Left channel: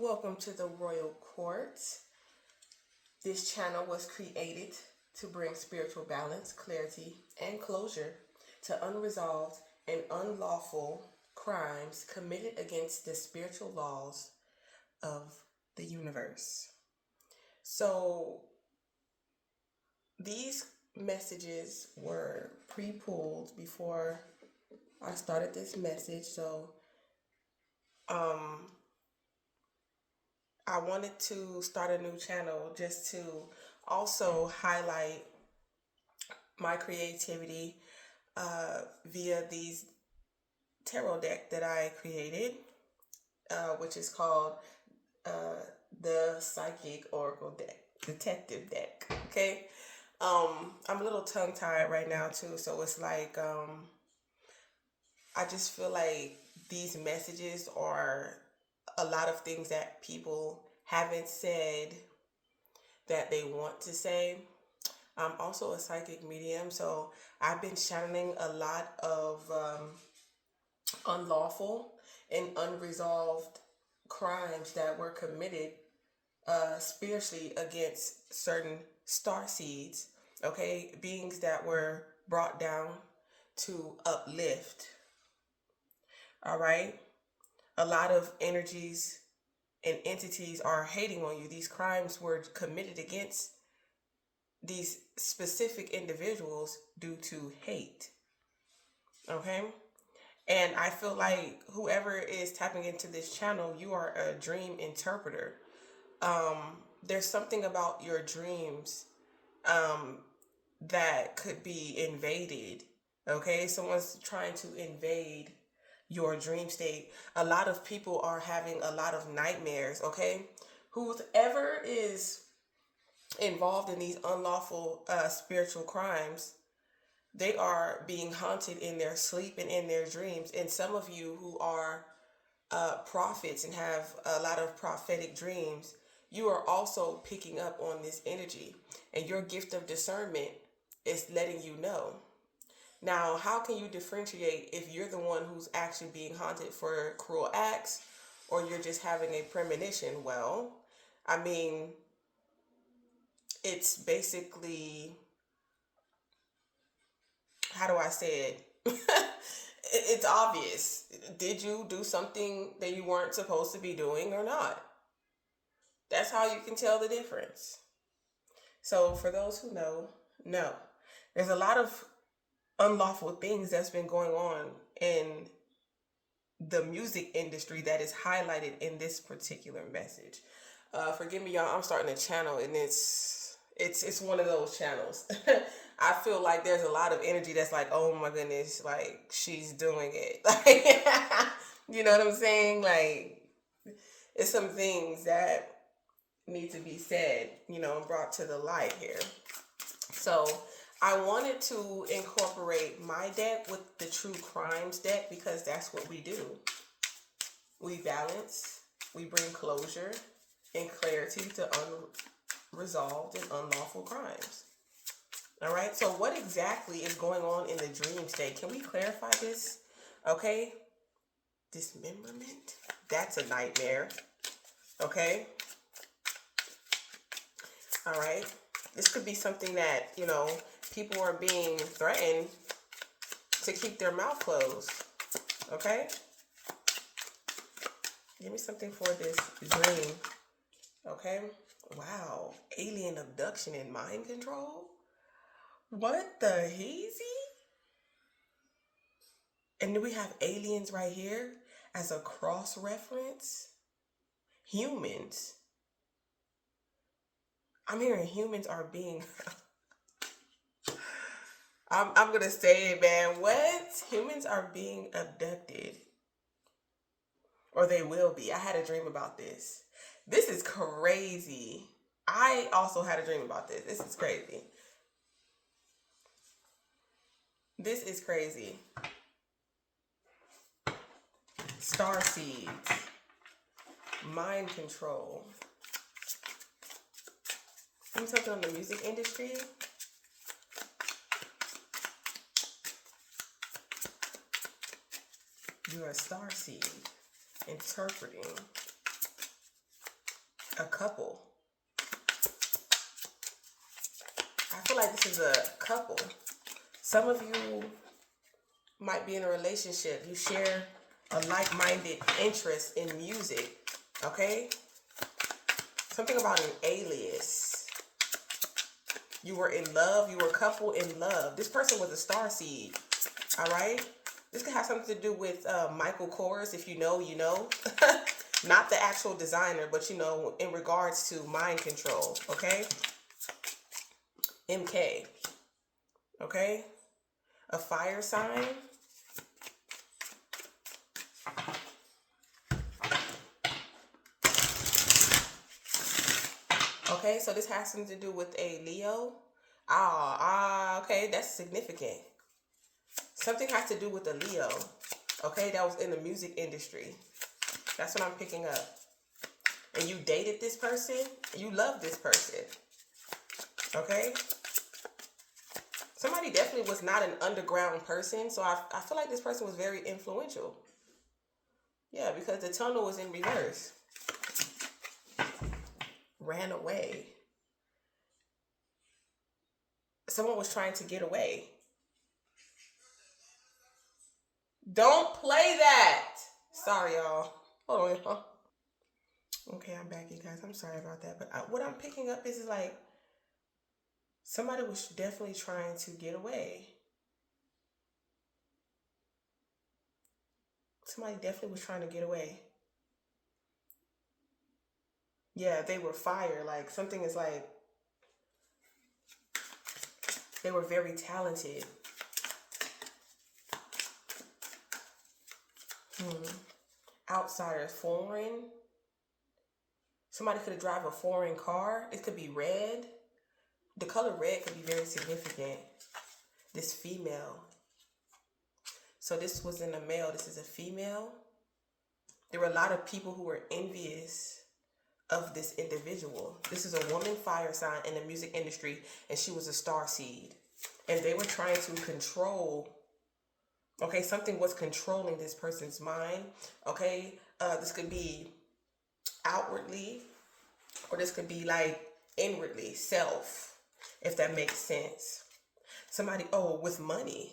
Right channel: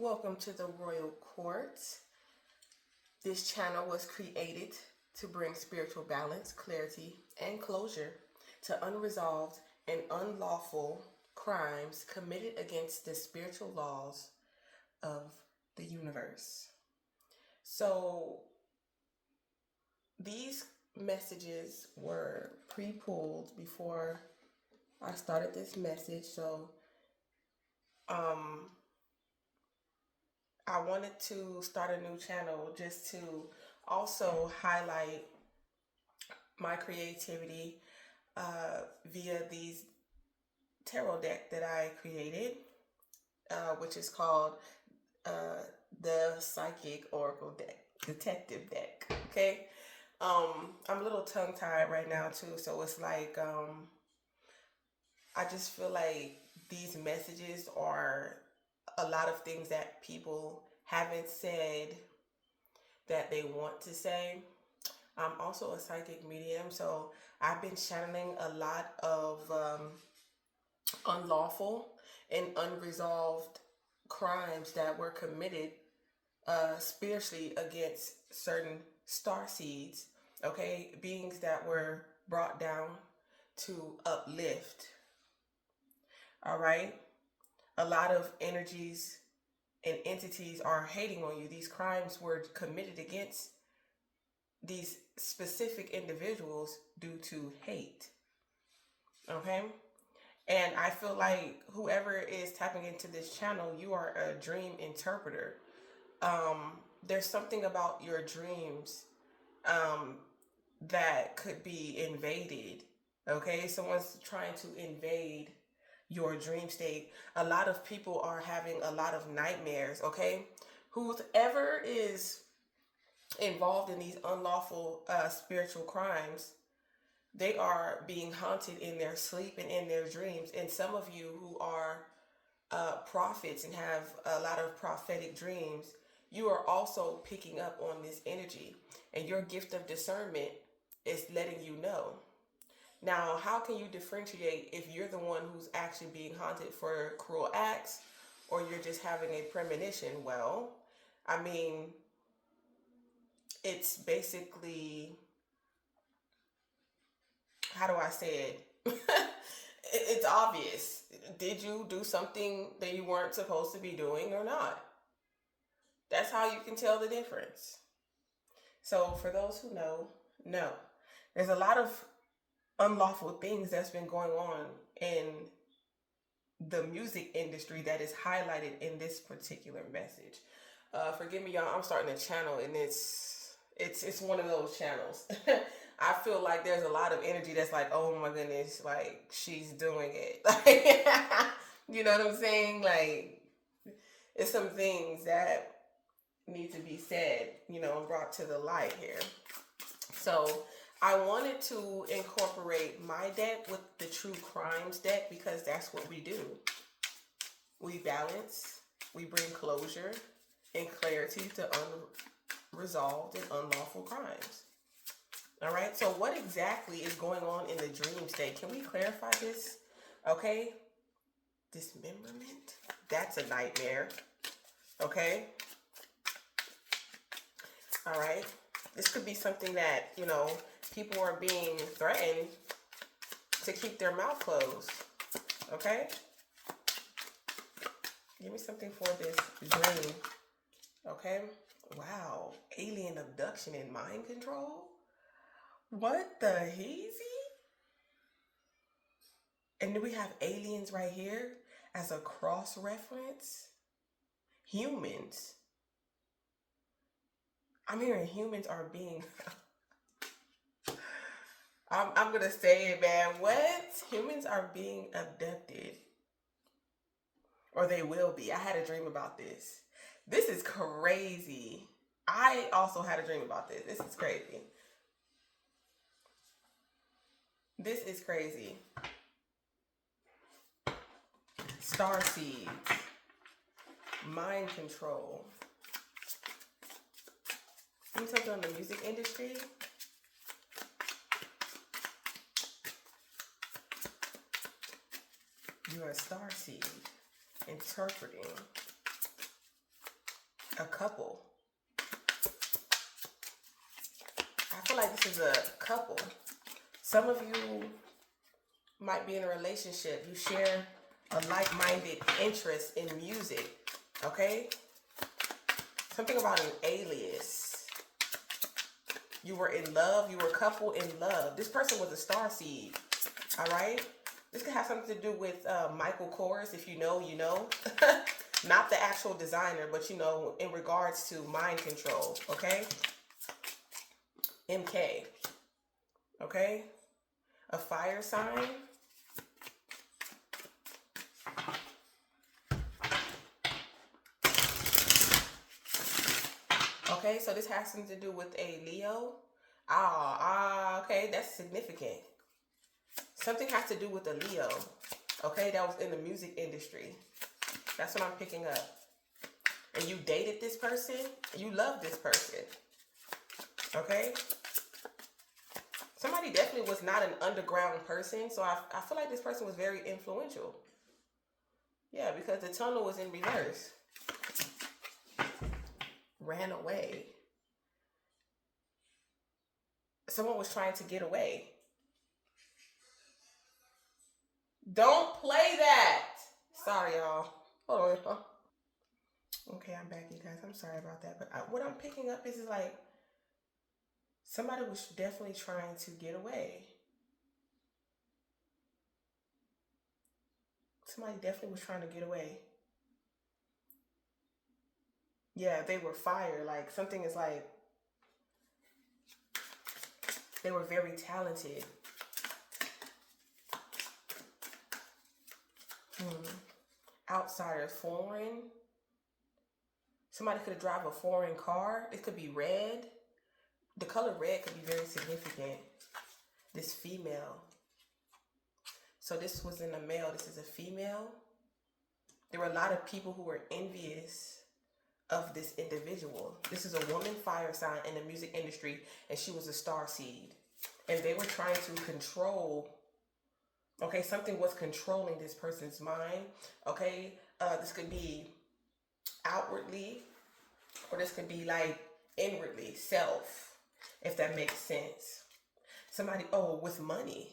Welcome to the Royal Court. This channel was created to bring spiritual balance, clarity, and closure to unresolved and unlawful crimes committed against the spiritual laws of the universe. So these messages were pre-pulled before I started this message. So I wanted to start a new channel just to also highlight my creativity via these tarot deck that I created, which is called the Psychic Oracle deck, Detective deck. Okay, I'm a little tongue-tied right now too, so it's like I just feel like these messages are a lot of things that people haven't said that they want to say. I'm also a psychic medium, so I've been channeling a lot of unlawful and unresolved crimes that were committed spiritually against certain star seeds, okay, beings that were brought down to uplift. All right, a lot of energies and entities are hating on you. These crimes were committed against these specific individuals due to hate. Okay? And I feel like whoever is tapping into this channel, you are a dream interpreter. There's something about your dreams that could be invaded. Okay? Someone's trying to invade your dream state. A lot of people are having a lot of nightmares. Okay? Whoever is involved in these unlawful spiritual crimes, they are being haunted in their sleep and in their dreams. And some of you who are prophets and have a lot of prophetic dreams, you are also picking up on this energy, and your gift of discernment is letting you know. Now, how can you differentiate if you're the one who's actually being haunted for cruel acts, or you're just having a premonition? Well, I mean, it's basically, how do I say it? It's obvious. Did you do something that you weren't supposed to be doing or not? That's how you can tell the difference. So for those who know, no. There's a lot of unlawful things that's been going on in the music industry that is highlighted in this particular message. Forgive me, y'all. I'm starting a channel, and it's one of those channels. I feel like there's a lot of energy that's like, oh my goodness, like she's doing it. Like, you know what I'm saying? Like, it's some things that need to be said, and brought to the light here. So I wanted to incorporate my deck with the True Crimes deck because that's what we do. We balance, we bring closure and clarity to unresolved and unlawful crimes. All right, so what exactly is going on in the dream state? Can we clarify this? Okay, dismemberment, that's a nightmare. Okay, all right, this could be something that, people are being threatened to keep their mouth closed. Okay, give me something for this dream. Okay, wow, alien abduction and mind control. What the heezy? And then we have aliens right here as a cross reference. Humans. I'm hearing humans are being... I'm going to say it, man. What? Humans are being abducted. Or they will be. I had a dream about this. This is crazy. I also had a dream about this. This is crazy. This is crazy. Starseeds. Mind control. Let me touch on the music industry. You're a starseed interpreting. a couple. I feel like this is a couple. Some of you might be in a relationship. You share a like-minded interest in music. Okay? Something about an alias. You were in love. You were a couple in love. This person was a starseed. All right? This could have something to do with Michael Kors. If you know, you know. Not the actual designer, but you know, in regards to mind control. Okay? MK. Okay? A fire sign. Okay, so this has something to do with a Leo. Okay, that's significant. Something has to do with a Leo. Okay, that was in the music industry. That's what I'm picking up. And you dated this person. You love this person. Okay? Somebody definitely was not an underground person. So I feel like this person was very influential. Yeah, because the tunnel was in reverse. Ran away. Someone was trying to get away. Don't play that. Sorry, y'all. Hold on, y'all. Okay, I'm back, you guys. I'm sorry about that. But what I'm picking up is like somebody was definitely trying to get away. Somebody definitely was trying to get away. Yeah, they were fire. Like something is like they were very talented. Outsider, foreign. Somebody could drive a foreign car. It could be red. The color red could be very significant. This female. So this wasn't a male. This is a female. There were a lot of people who were envious of this individual. This is a woman fire sign in the music industry, and she was a starseed. And they were trying to control. Okay, something was controlling this person's mind. Okay, this could be outwardly, or this could be like inwardly, self, if that makes sense. Somebody, with money.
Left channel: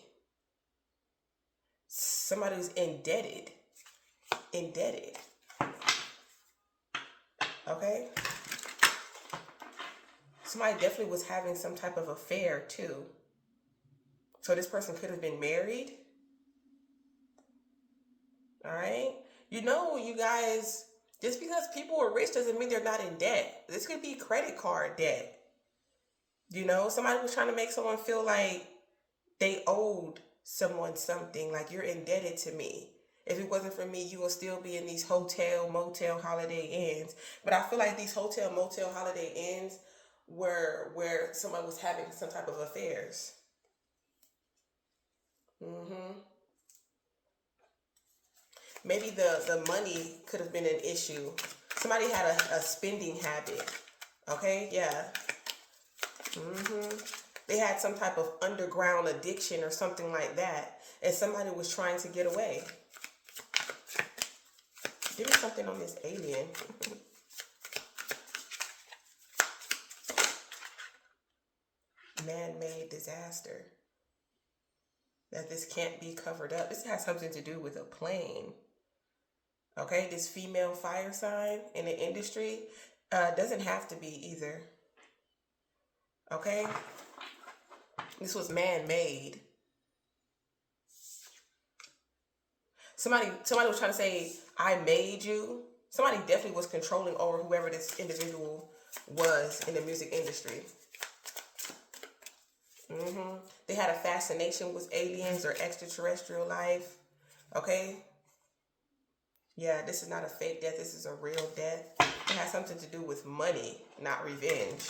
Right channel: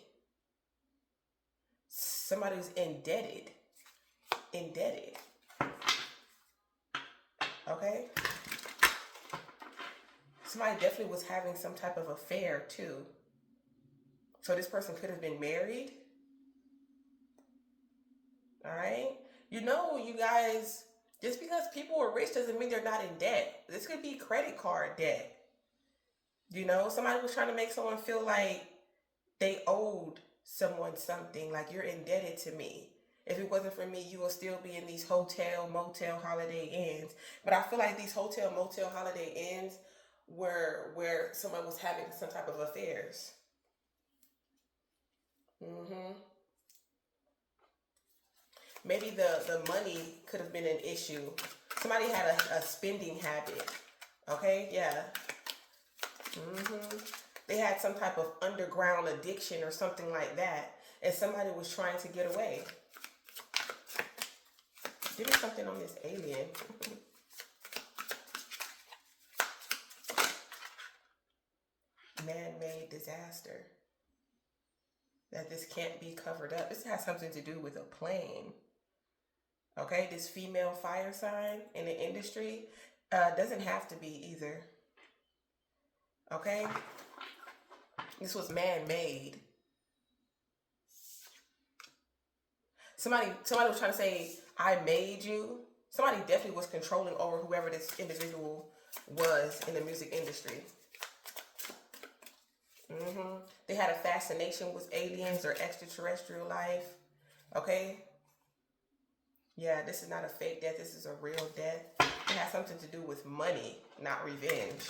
Somebody was indebted. Okay? Somebody definitely was having some type of affair too. So this person could have been married. All right? You know, you guys, just because people are rich doesn't mean they're not in debt. This could be credit card debt. You know, somebody was trying to make someone feel like they owed someone something, like you're indebted to me. If it wasn't for me, you will still be in these hotel, motel, holiday inns. But I feel like these hotel, motel, holiday inns were where someone was having some type of affairs. Maybe the money could have been an issue. Somebody had a spending habit. Okay, yeah. They had some type of underground addiction or something like that. And somebody was trying to get away. Give me something on this alien. Man-made disaster. That this can't be covered up. This has something to do with a plane. Okay, this female fire sign in the industry doesn't have to be either. Okay? This was man-made. Somebody was trying to say, I made you. Somebody definitely was controlling over whoever this individual was in the music industry. They had a fascination with aliens or extraterrestrial life. Okay? Yeah, this is not a fake death. This is a real death. It has something to do with money, not revenge.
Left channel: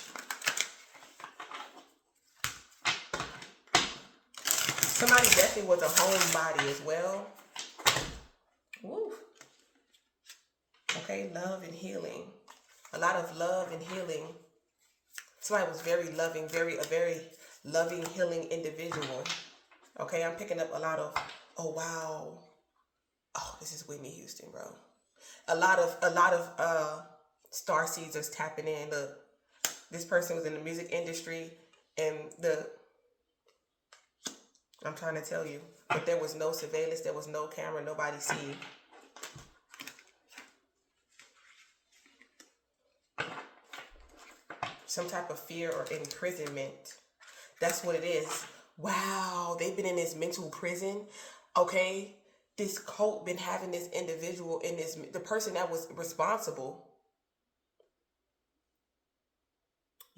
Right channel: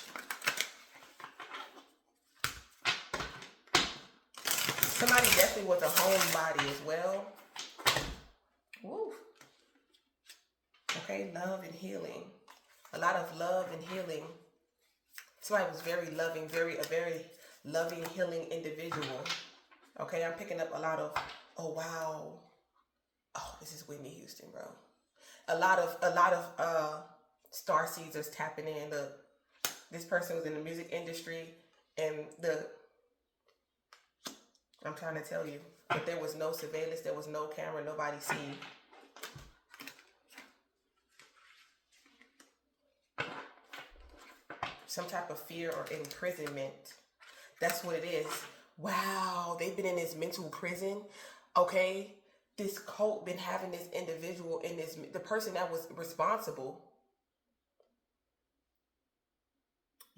Somebody definitely was a homebody as well. Woo. Okay, love and healing. A lot of love and healing. Somebody was very loving, a very loving, healing individual. Okay, I'm picking up a lot of, oh wow. Oh, this is Whitney Houston, bro. A lot of Starseeds are tapping in. Look, this person was in the music industry, and I'm trying to tell you, but there was no surveillance, there was no camera, nobody seen. Some type of fear or imprisonment. That's what it is. Wow, they've been in this mental prison. Okay, this cult been having this individual in this, the person that was responsible.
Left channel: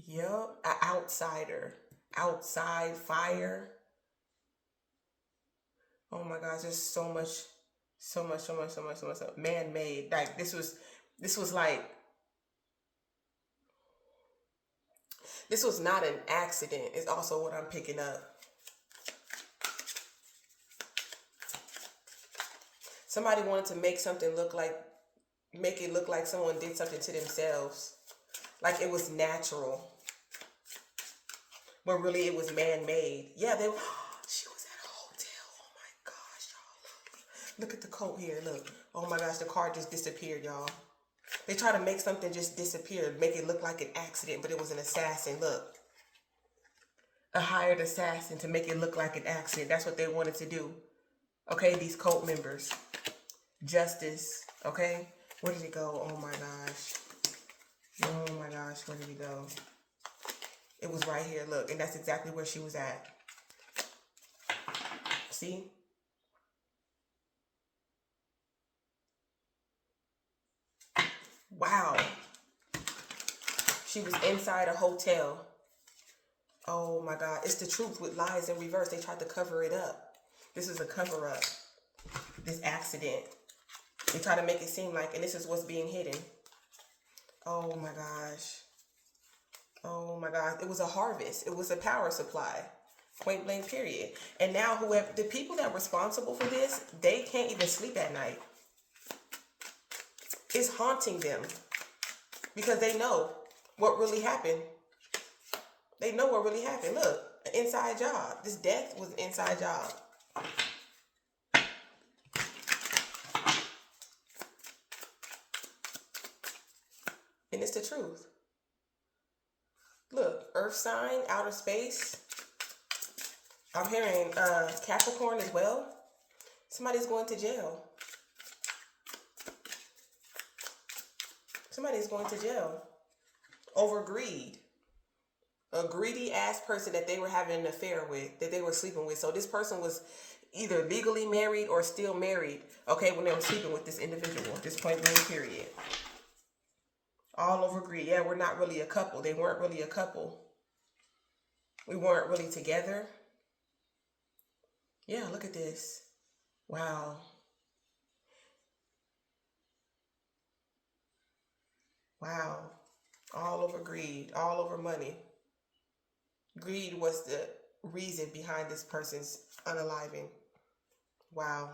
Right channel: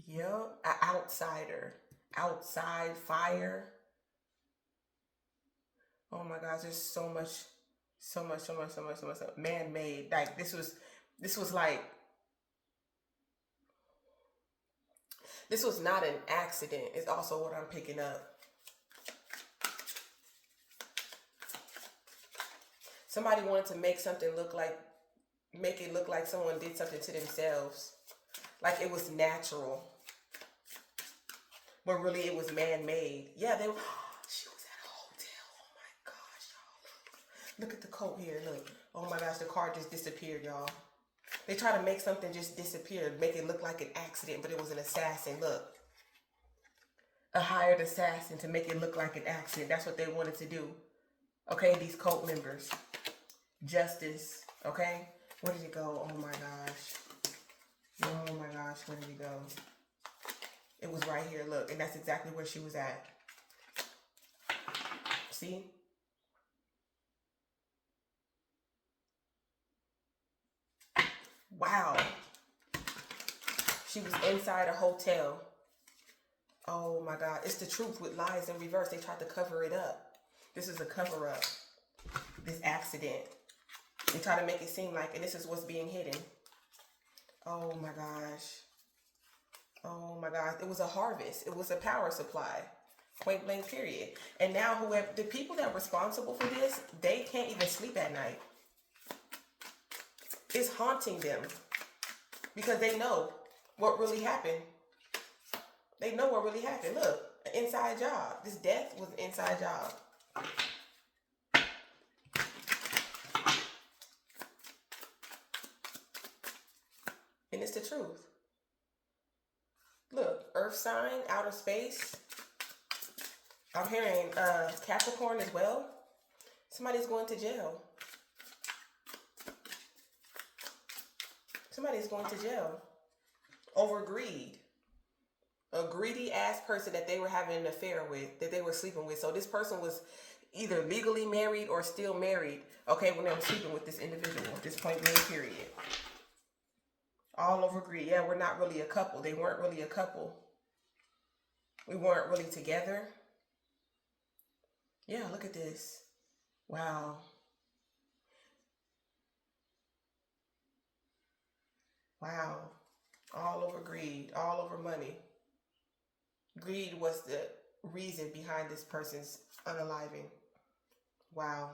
Yep, an outsider, outside fire. Oh my gosh, there's so much, man-made. Like this was like, this was not an accident. It's also what I'm picking up. Somebody wanted to make something make it look like someone did something to themselves. Like it was natural. But really it was man-made. Yeah, she was at a hotel. Oh my gosh, y'all. Look at the coat here, look. Oh my gosh, the car just disappeared, y'all. They try to make something just disappear, make it look like an accident, but it was an assassin, look. A hired assassin to make it look like an accident. That's what they wanted to do. Okay, these cult members. Justice, okay? Where did he go? Oh my gosh. Oh my gosh, where did he go? It was right here, look, and that's exactly where she was at. See? Wow. She was inside a hotel. Oh my God. It's the truth with lies in reverse. They tried to cover it up. This is a cover up. This accident. They try to make it seem like, and this is what's being hidden. Oh my gosh. Oh my God. It was a harvest. It was a power supply. Point blank period. And now the people that are responsible for this, they can't even sleep at night. It's haunting them because they know what really happened. They know what really happened. Look, an inside job. This death was an inside job. And it's the truth. Look, Earth sign, outer space. I'm hearing Capricorn as well. Somebody's going to jail. Somebody's going to jail over greed. A greedy ass person that they were having an affair with, that they were sleeping with. So this person was either legally married or still married, okay, when they were sleeping with this individual, this point blank period. All over greed. Yeah, we're not really a couple. They weren't really a couple. We weren't really together. Yeah, look at this. Wow. Wow. All over greed, all over money. Greed was the reason behind this person's unaliving. Wow.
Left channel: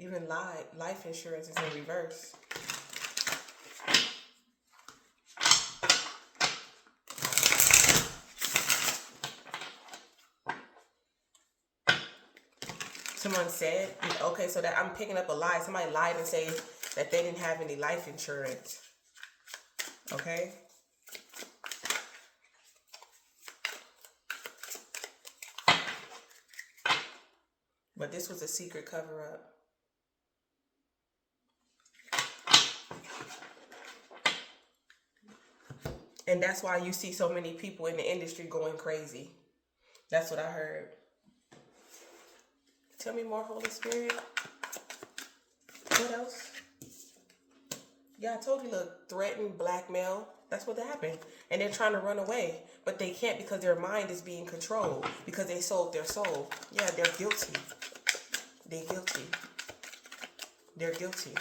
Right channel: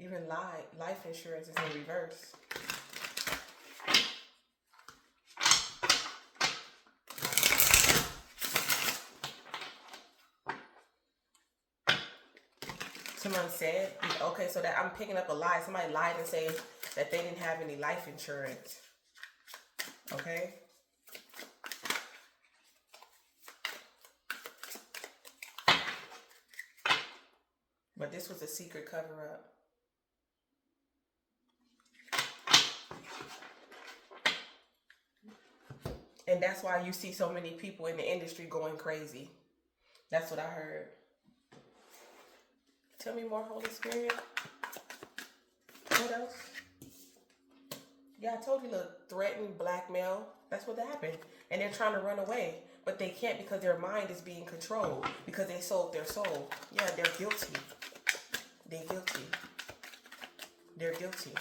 Even life insurance is in reverse. Someone said, okay, so that I'm picking up a lie. Somebody lied and said that they didn't have any life insurance. Okay? But this was a secret cover-up. And that's why you see so many people in the industry going crazy. That's what I heard. Tell me more, Holy Spirit. What else? Yeah, I told you, look, threatened, blackmail. That's what happened. And they're trying to run away. But they can't because their mind is being controlled. Because they sold their soul. Yeah, they're guilty. They're guilty. They're guilty.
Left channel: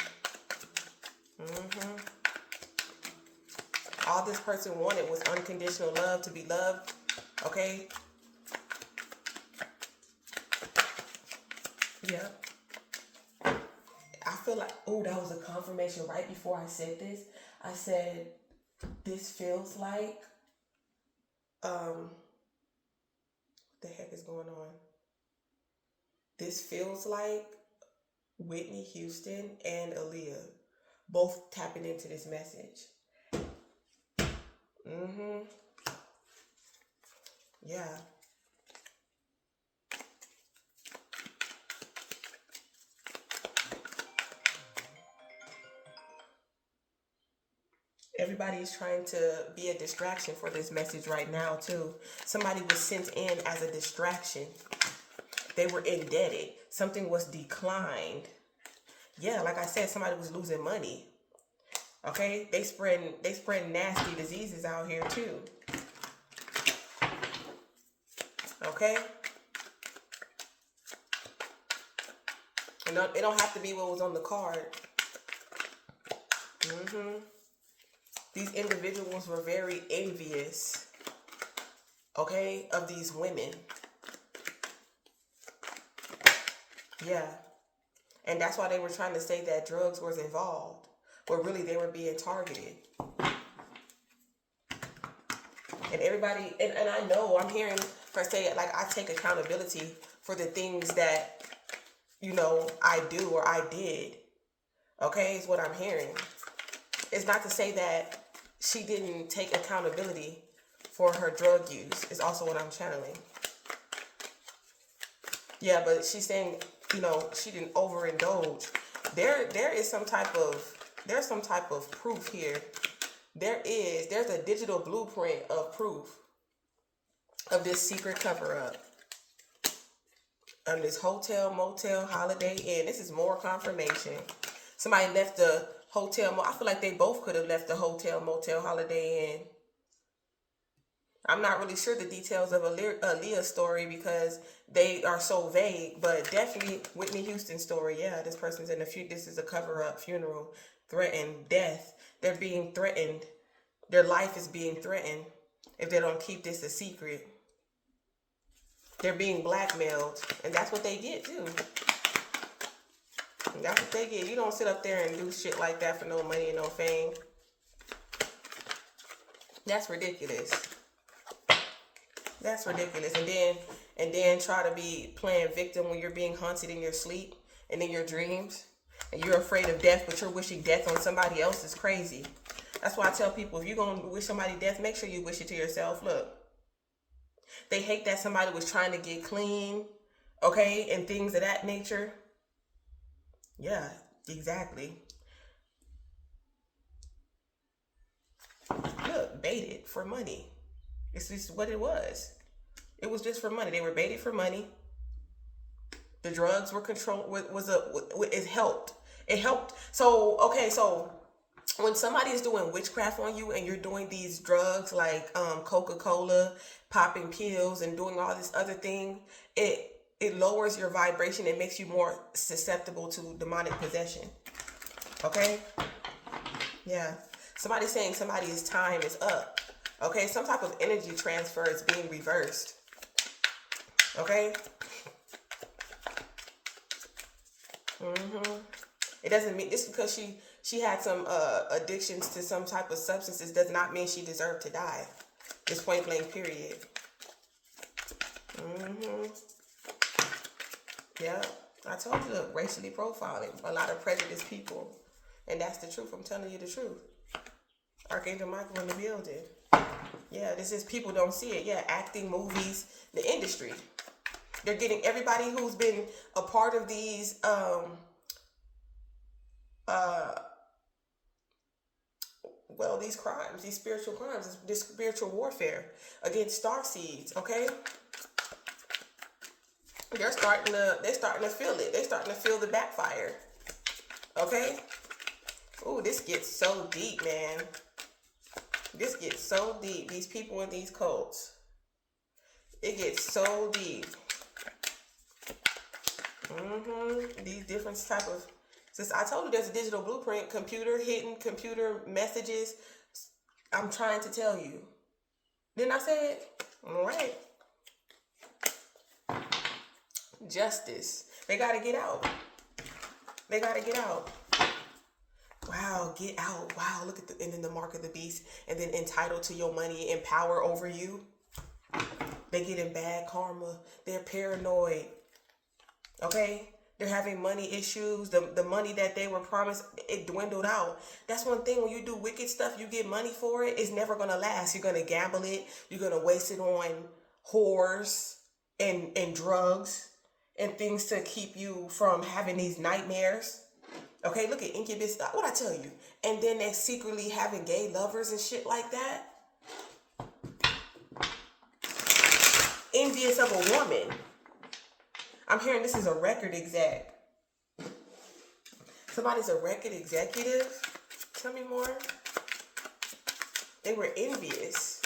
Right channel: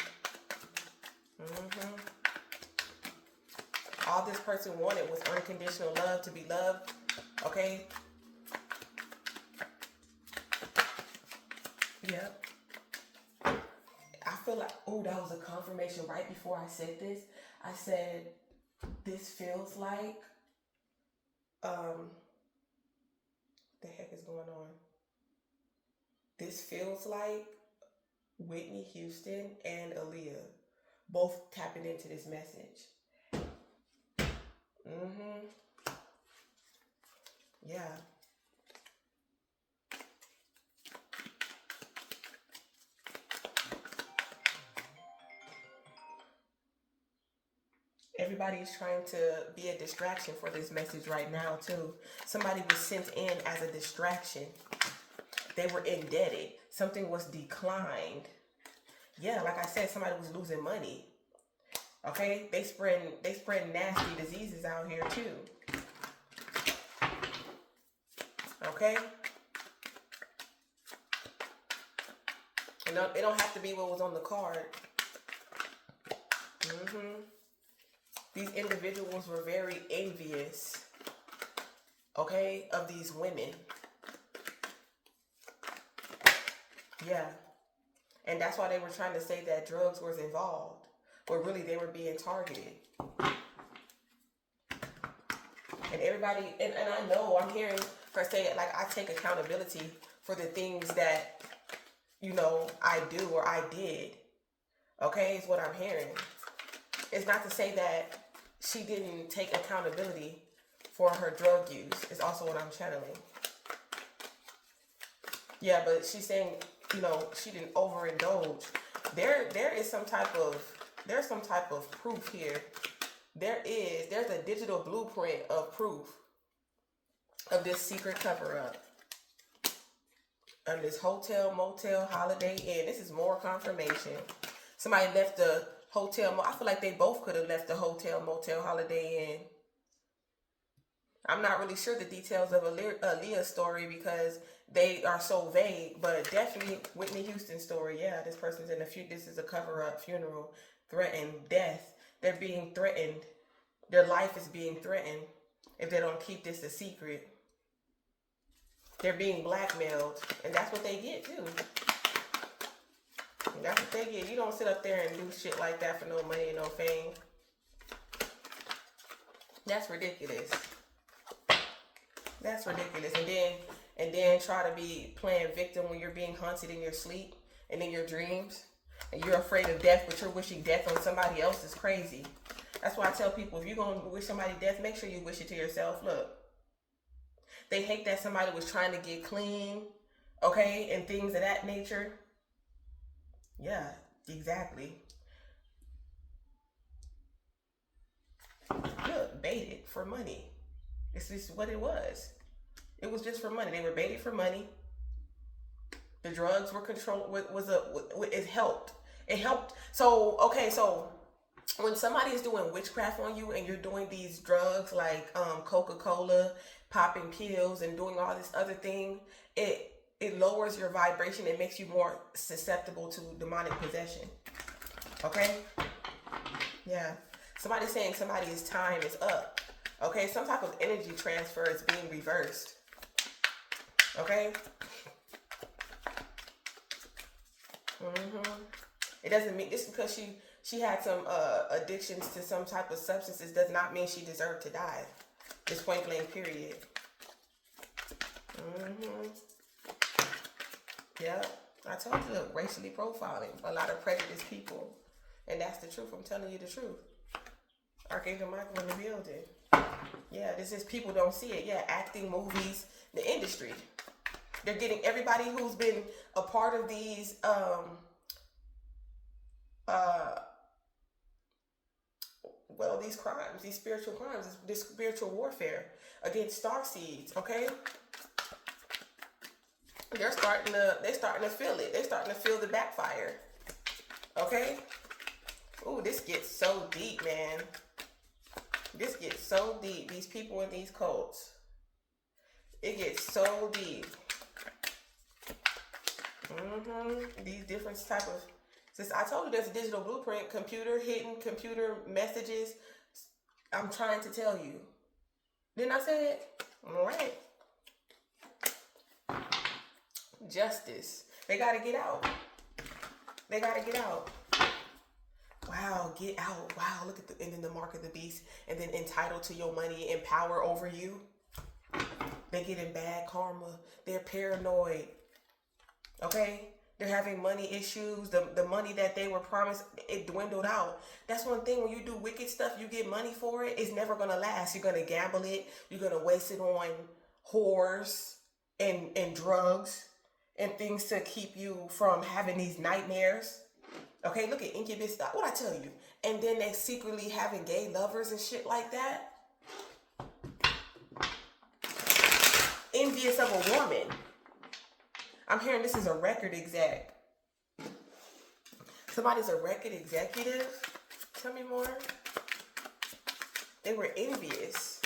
All this person wanted was unconditional love, to be loved. Okay? Yeah. I feel like, oh, that was a comment. confirmation right before I said this. I said, this feels like, what the heck is going on? This feels like Whitney Houston and Aaliyah both tapping into this message. Yeah. Everybody's trying to be a distraction for this message right now, too. Somebody was sent in as a distraction. They were indebted. Something was declined. Yeah, like I said, somebody was losing money. Okay? They spread nasty diseases out here, too. Okay? And it don't have to be what was on the card. These individuals were very envious, okay, of these women. Yeah. And that's why they were trying to say that drugs was involved, but really they were being targeted. And everybody, and I know I'm hearing her say it like, I take accountability for the things that, you know, I do or I did. Okay, is what I'm hearing. It's not to say that she didn't take accountability for her drug use. Is also what I'm channeling. Yeah, but she's saying, you know, she didn't overindulge. There's some type of proof here. There's a digital blueprint of proof of this secret cover-up. This hotel, motel, Holiday Inn. This is more confirmation. Somebody left the hotel. I feel like they both could have left the hotel, motel, Holiday Inn. I'm not really sure the details of Aaliyah's story because they are so vague, but definitely Whitney Houston's story. Yeah, this person's in this is a cover-up funeral, threatened, death. They're being threatened. Their life is being threatened if they don't keep this a secret. They're being blackmailed, and that's what they get too. And that's what they get. You don't sit up there and do shit like that for no money and no fame. That's ridiculous. That's ridiculous. And then try to be playing victim when you're being haunted in your sleep and in your dreams. And you're afraid of death, but you're wishing death on somebody else is crazy. That's why I tell people, if you're going to wish somebody death, make sure you wish it to yourself. Look, they hate that somebody was trying to get clean, okay, and things of that nature. Yeah, exactly. Look, baited for money. It's just what it was. It was just for money. They were baited for money. The drugs were controlled. It helped. It helped. So, okay, so when somebody is doing witchcraft on you and you're doing these drugs like Coca-Cola, popping pills, and doing all this other thing, it lowers your vibration. It makes you more susceptible to demonic possession. Okay? Yeah. Somebody's saying somebody's time is up. Okay? Some type of energy transfer is being reversed. Okay? It doesn't mean just because she had some addictions to some type of substances does not mean she deserved to die. Just point blank, period. Yeah, I told you, look, racially profiling a lot of prejudiced people, and that's the truth. I'm telling you the truth. Archangel Michael in the building. Yeah, this is people don't see it. Yeah, acting, movies, the industry. They're getting everybody who's been a part of these these crimes, these spiritual crimes, this spiritual warfare against starseeds, okay? They're starting to feel it. They're starting to feel the backfire. Okay? Ooh, this gets so deep, man. This gets so deep. These people in these cults. It gets so deep. These different type of... Since I told you there's a digital blueprint, hidden computer messages. I'm trying to tell you. Didn't I say it? All right. Justice. They got to get out. They got to get out. Wow, get out. Wow, look at the, and then the mark of the beast, and then entitled to your money and power over you. They get in bad karma. They're paranoid. Okay? They're having money issues. The money that they were promised, it dwindled out. That's one thing. When you do wicked stuff, you get money for it. It's never going to last. You're going to gamble it. You're going to waste it on whores and drugs and things to keep you from having these nightmares. Okay, look at incubus. What I tell you? And then they secretly having gay lovers and shit like that. Envious of a woman. I'm hearing this is a record exec. Somebody's a record executive. Tell me more. They were envious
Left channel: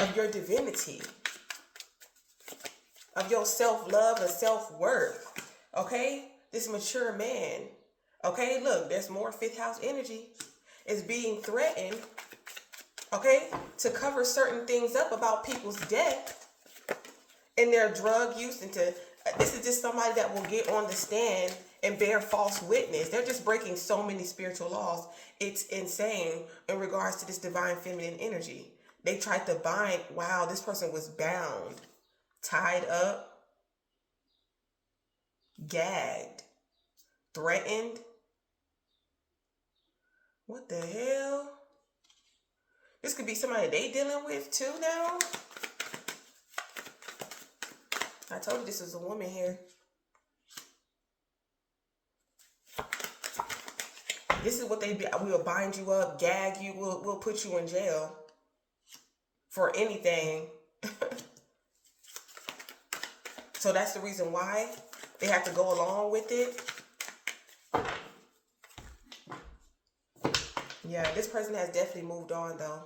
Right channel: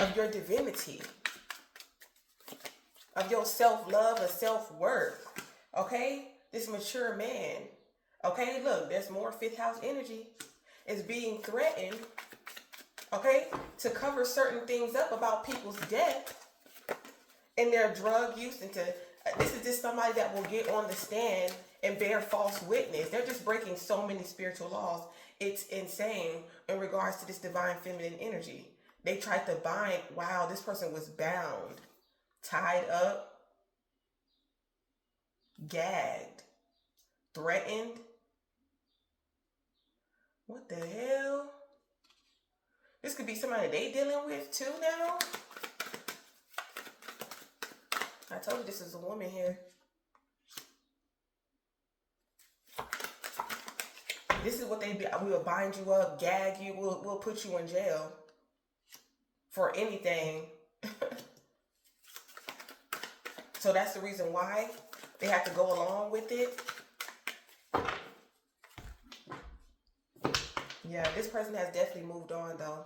of your divinity, of your self-love and self-worth. Okay? This mature man. Okay? Look, there's more fifth house energy. Is being threatened, okay, to cover certain things up about people's death and their drug use. And this is just somebody that will get on the stand and bear false witness. They're just breaking so many spiritual laws. It's insane in regards to this divine feminine energy. They tried to bind. Wow, this person was bound, tied up, gagged, threatened. What the hell? This could be somebody they dealing with too now. I told you this is a woman here. This is what they be. We will bind you up, gag you. We'll put you in jail for anything. So that's the reason why they have to go along with it. Yeah, this person has definitely moved on though.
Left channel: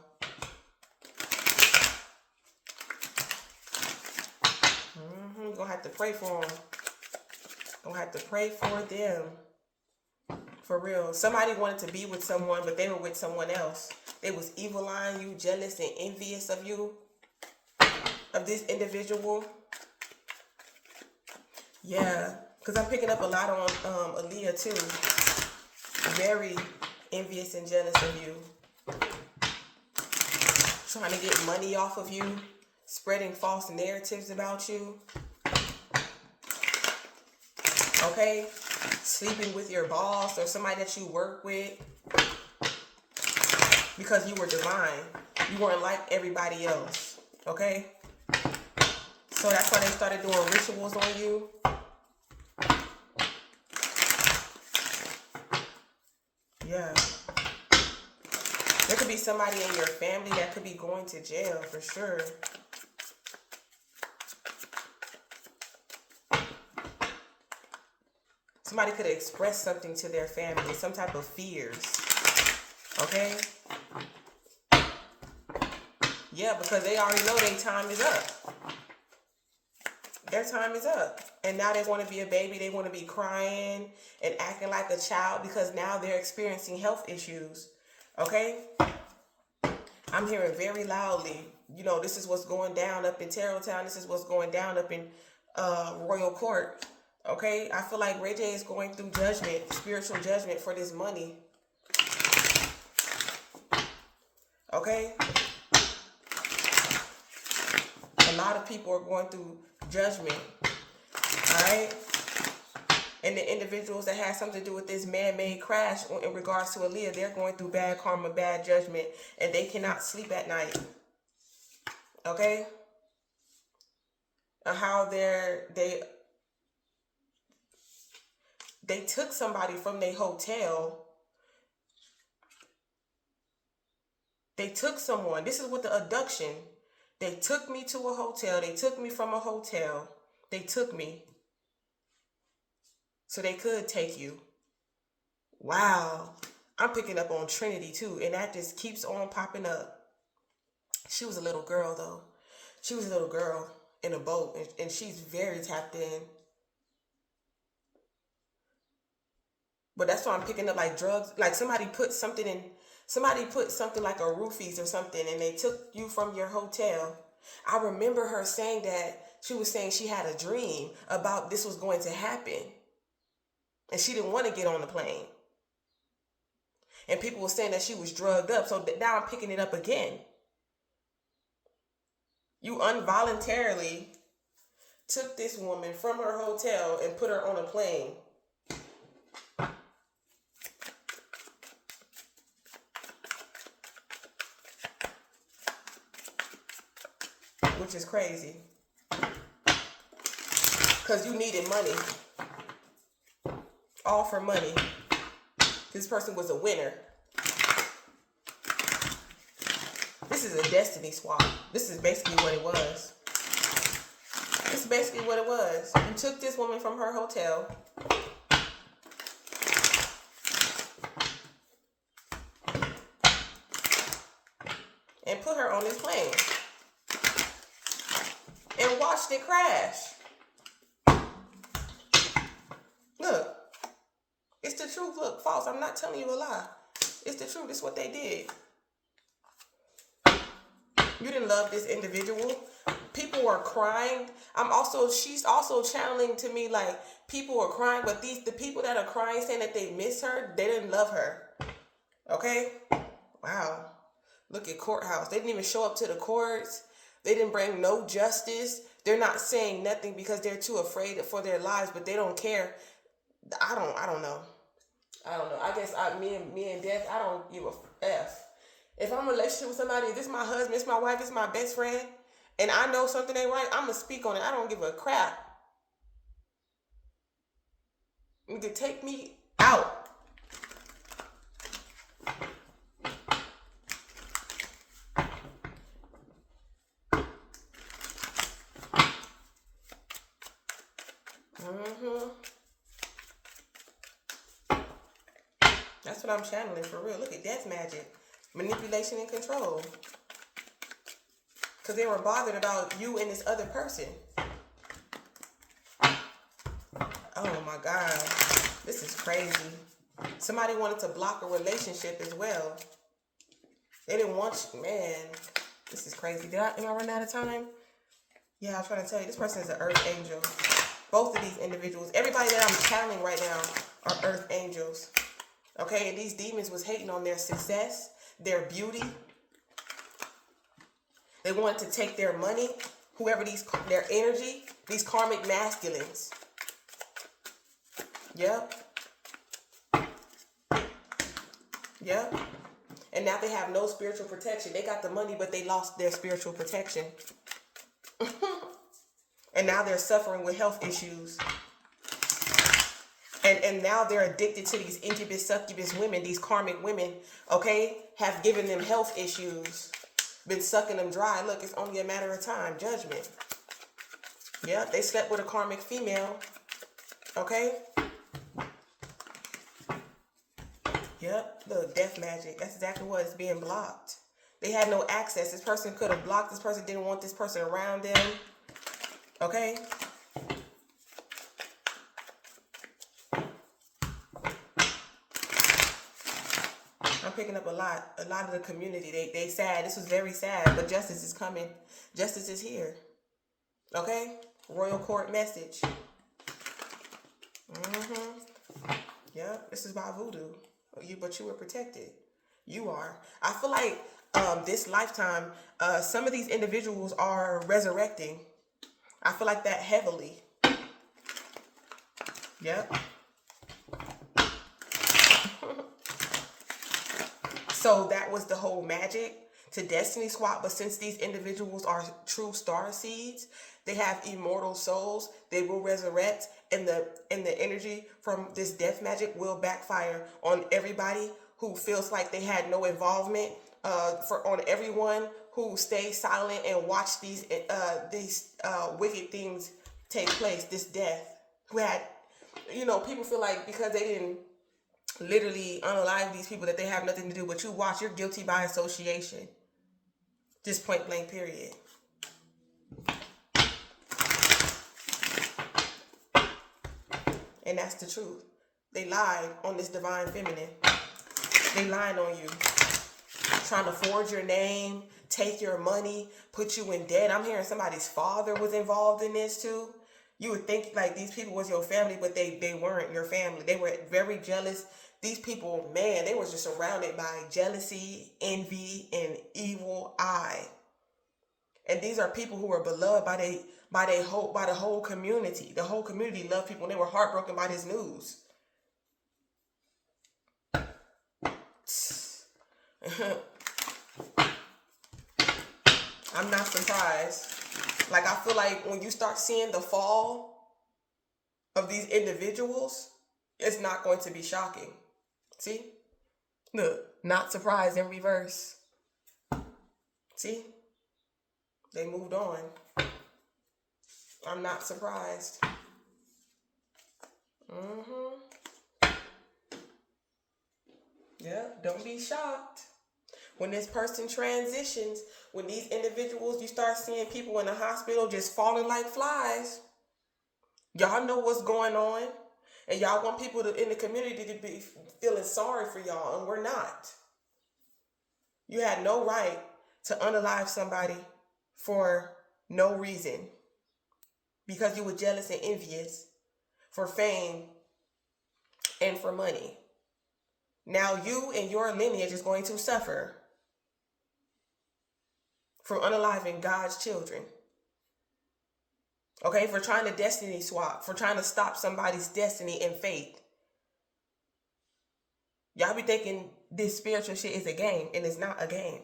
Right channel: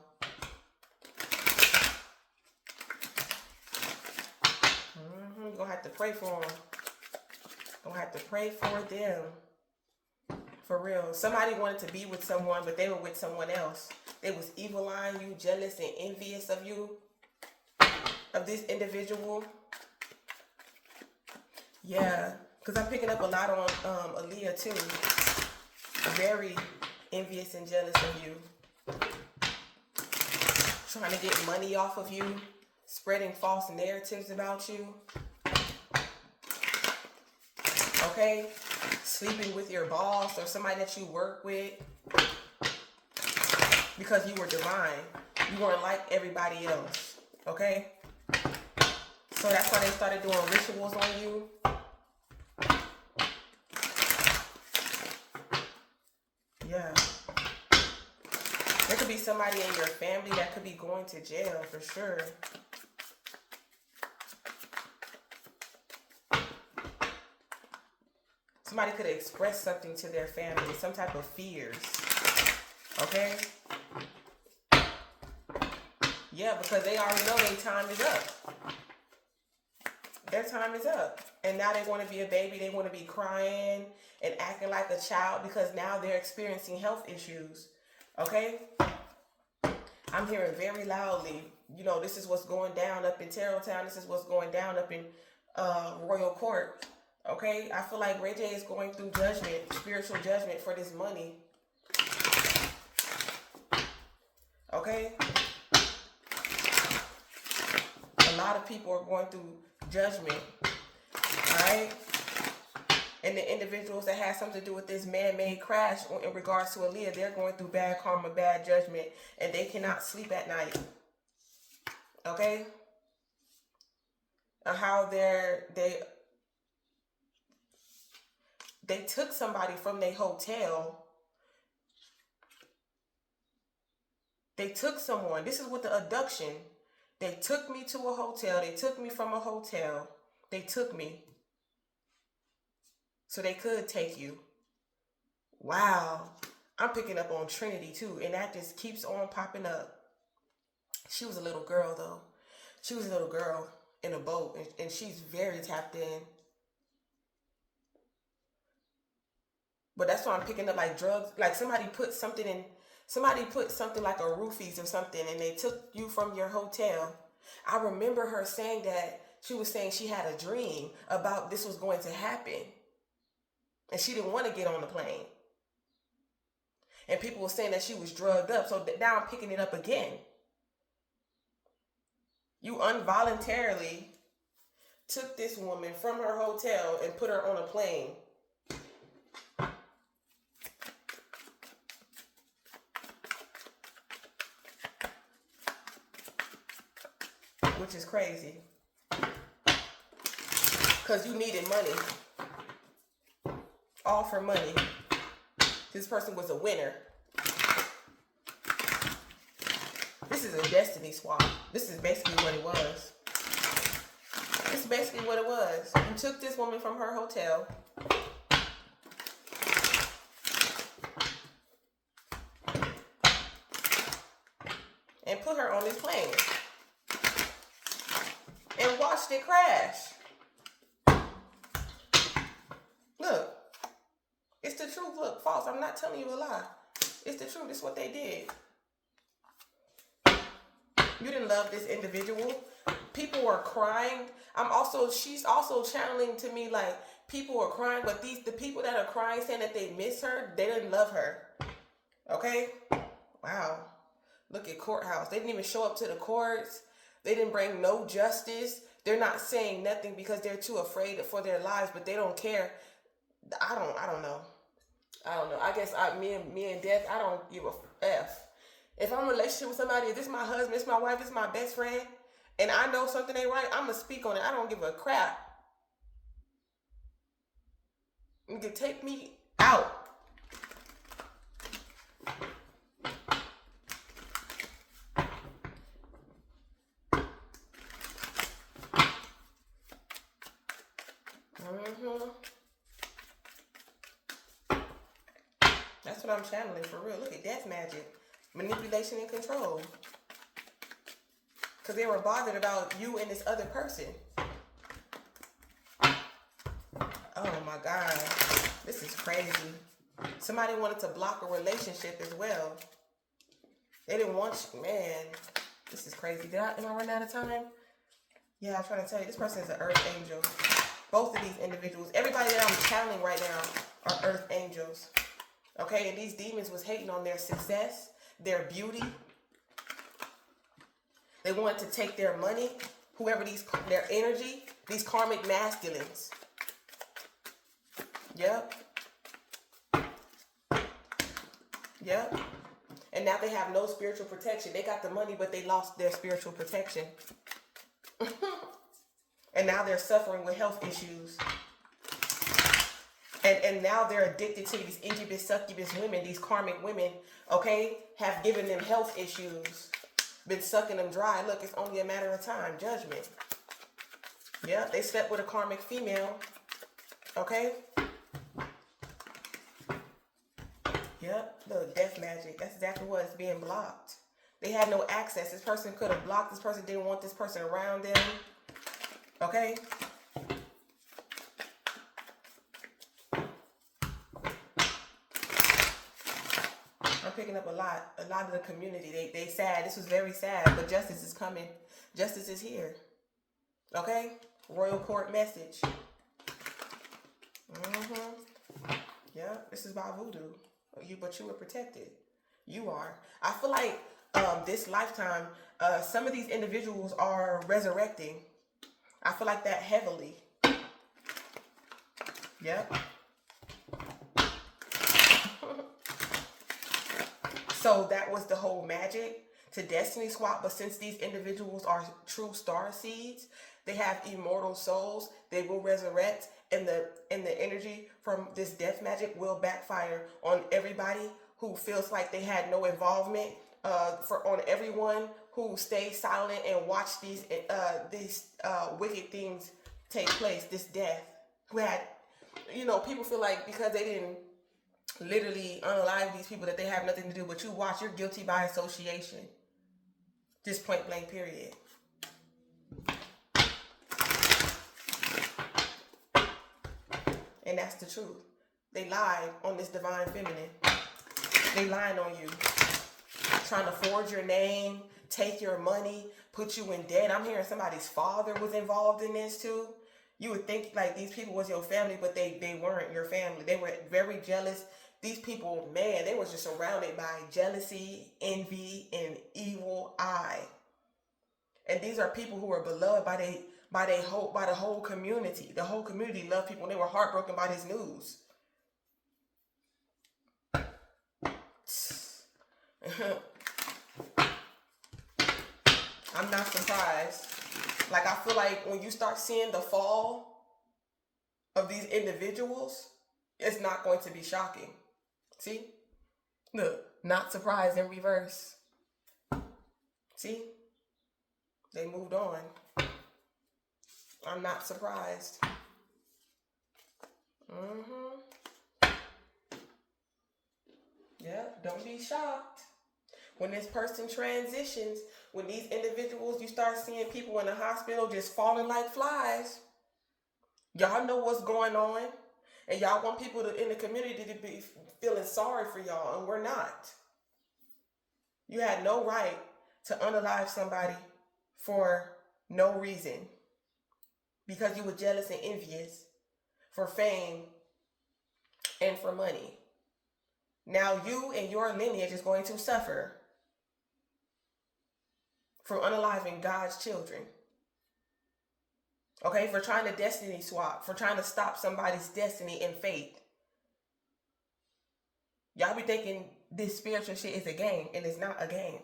You're gonna have to pray for them. Gonna have to pray for them. For real. Somebody wanted to be with someone, but they were with someone else. They was evil eyeing you, jealous and envious of you, of this individual. Yeah, because I'm picking up a lot on Aaliyah too. Very envious and jealous of you. Trying to get money off of you. Spreading false narratives about you. Okay? Sleeping with your boss or somebody that you work with. Because you were divine. You weren't like everybody else. Okay? So that's why they started doing rituals on you. Yeah. There could be somebody in your family that could be going to jail for sure. Somebody could express something to their family, some type of fears. Okay? Yeah, because they already know their time is up. Their time is up. And now they want to be a baby. They want to be crying and acting like a child because now they're experiencing health issues. Okay? I'm hearing very loudly, you know, this is what's going down up in Tarottown. This is what's going down up in Royal Court. Okay? I feel like Ray J is going through judgment, spiritual judgment for this money. Okay? A lot of people are going through judgment. Alright? And the individuals that have something to do with this man-made crash in regards to Aaliyah, they're going through bad karma, bad judgment, and they cannot sleep at night. Okay? And how they took somebody from their hotel. They took someone. This is what the abduction. They took me to a hotel. They took me from a hotel. They took me. So they could take you. Wow. I'm picking up on Trinity too. And that just keeps on popping up. She was a little girl though. She was a little girl in a boat. And she's very tapped in. But that's why I'm picking up like drugs. Like somebody put something like a roofies or something. And they took you from your hotel. I remember her saying that. She was saying she had a dream about this was going to happen. And she didn't want to get on the plane. And people were saying that she was drugged up. So now I'm picking it up again. You involuntarily took this woman from her hotel and put her on a plane. Which is crazy. Because you needed money. All for money. This person was a winner. This is a destiny swap. This is basically what it was. This is basically what it was. You took this woman from her hotel. And put her on this plane. And watched it crash. Look. It's the truth. Look, false. I'm not telling you a lie. It's the truth. It's what they did. You didn't love this individual. People are crying. She's also channeling to me like people are crying, but the people that are crying saying that they miss her, they didn't love her. Okay? Wow. Look at courthouse. They didn't even show up to the courts. They didn't bring no justice. They're not saying nothing because they're too afraid for their lives, but they don't care. I don't know. I don't know. I guess me and death, I don't give a F. If I'm in a relationship with somebody, if this is my husband, it's my wife, it's my best friend, and I know something ain't right, I'm going to speak on it. I don't give a crap. You can take me out. That's what I'm channeling for real. Look at death magic. Manipulation and control. Because they were bothered about you and this other person. Oh my God. This is crazy. Somebody wanted to block a relationship as well. They didn't want you. Man, this is crazy. Am I running out of time? Yeah, I'm trying to tell you. This person is an earth angel. Both of these individuals. Everybody that I'm channeling right now are earth angels. Okay, and these demons was hating on their success, their beauty. They wanted to take their money, their energy, these karmic masculines. Yep. Yep. And now they have no spiritual protection. They got the money, but they lost their spiritual protection. And now they're suffering with health issues. And now they're addicted to these incubus, succubus women, these karmic women, okay, have given them health issues, been sucking them dry. Look, it's only a matter of time. Judgment. Yeah, they slept with a karmic female, okay? Yep, look, death magic. That's exactly what is being blocked. They had no access. This person could have blocked this person, didn't want this person around them, okay? I'm picking up a lot of the community. They sad. This was very sad, but justice is coming. Justice is here. Okay? Royal court message. Yeah, this is by voodoo. But you were protected. You are. I feel like this lifetime, some of these individuals are resurrecting. I feel like that heavily. Yep. So that was the whole magic to destiny swap. But since these individuals are true starseeds, they have immortal souls. They will resurrect, and the energy from this death magic will backfire on everybody who feels like they had no involvement. On everyone who stays silent and watch these wicked things take place. This death, who had, people feel like because they didn't literally unalive these people that they have nothing to do with you. Watch, you're guilty by association. Just point blank, period. And that's the truth. They lied on this divine feminine. They lied on you. Trying to forge your name, take your money, put you in debt. I'm hearing somebody's father was involved in this too. You would think like these people was your family, but they weren't your family. They were very jealous. these people, man, they were just surrounded by jealousy, envy, and evil eye. And these are people who are beloved by the whole community. The whole community loved people, and they were heartbroken by this news. I'm not surprised. Like, I feel like when you start seeing the fall of these individuals, it's not going to be shocking. See? Look, not surprised in reverse. See? They moved on. I'm not surprised. Yeah, don't be shocked. When this person transitions, when these individuals, you start seeing people in the hospital just falling like flies. Y'all know what's going on. And y'all want people in the community to be feeling sorry for y'all, and we're not. You had no right to unalive somebody for no reason. Because you were jealous and envious for fame and for money. Now you and your lineage is going to suffer from unaliving God's children. Okay, for trying to destiny swap, for trying to stop somebody's destiny and faith. Y'all be thinking this spiritual shit is a game, and it's not a game.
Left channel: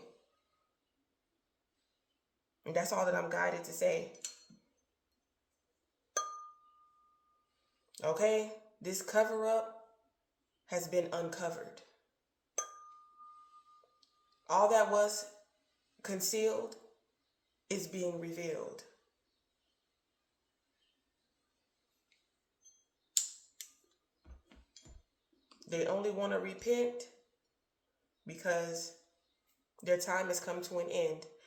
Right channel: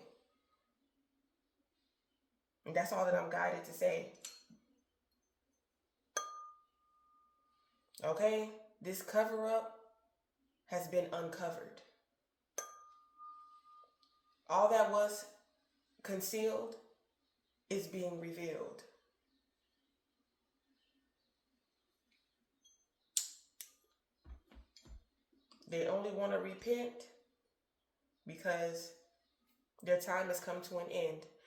And that's all that I'm guided to say. Okay, this cover up has been uncovered. All that was concealed is being revealed. They only want to repent because their time has come to an end.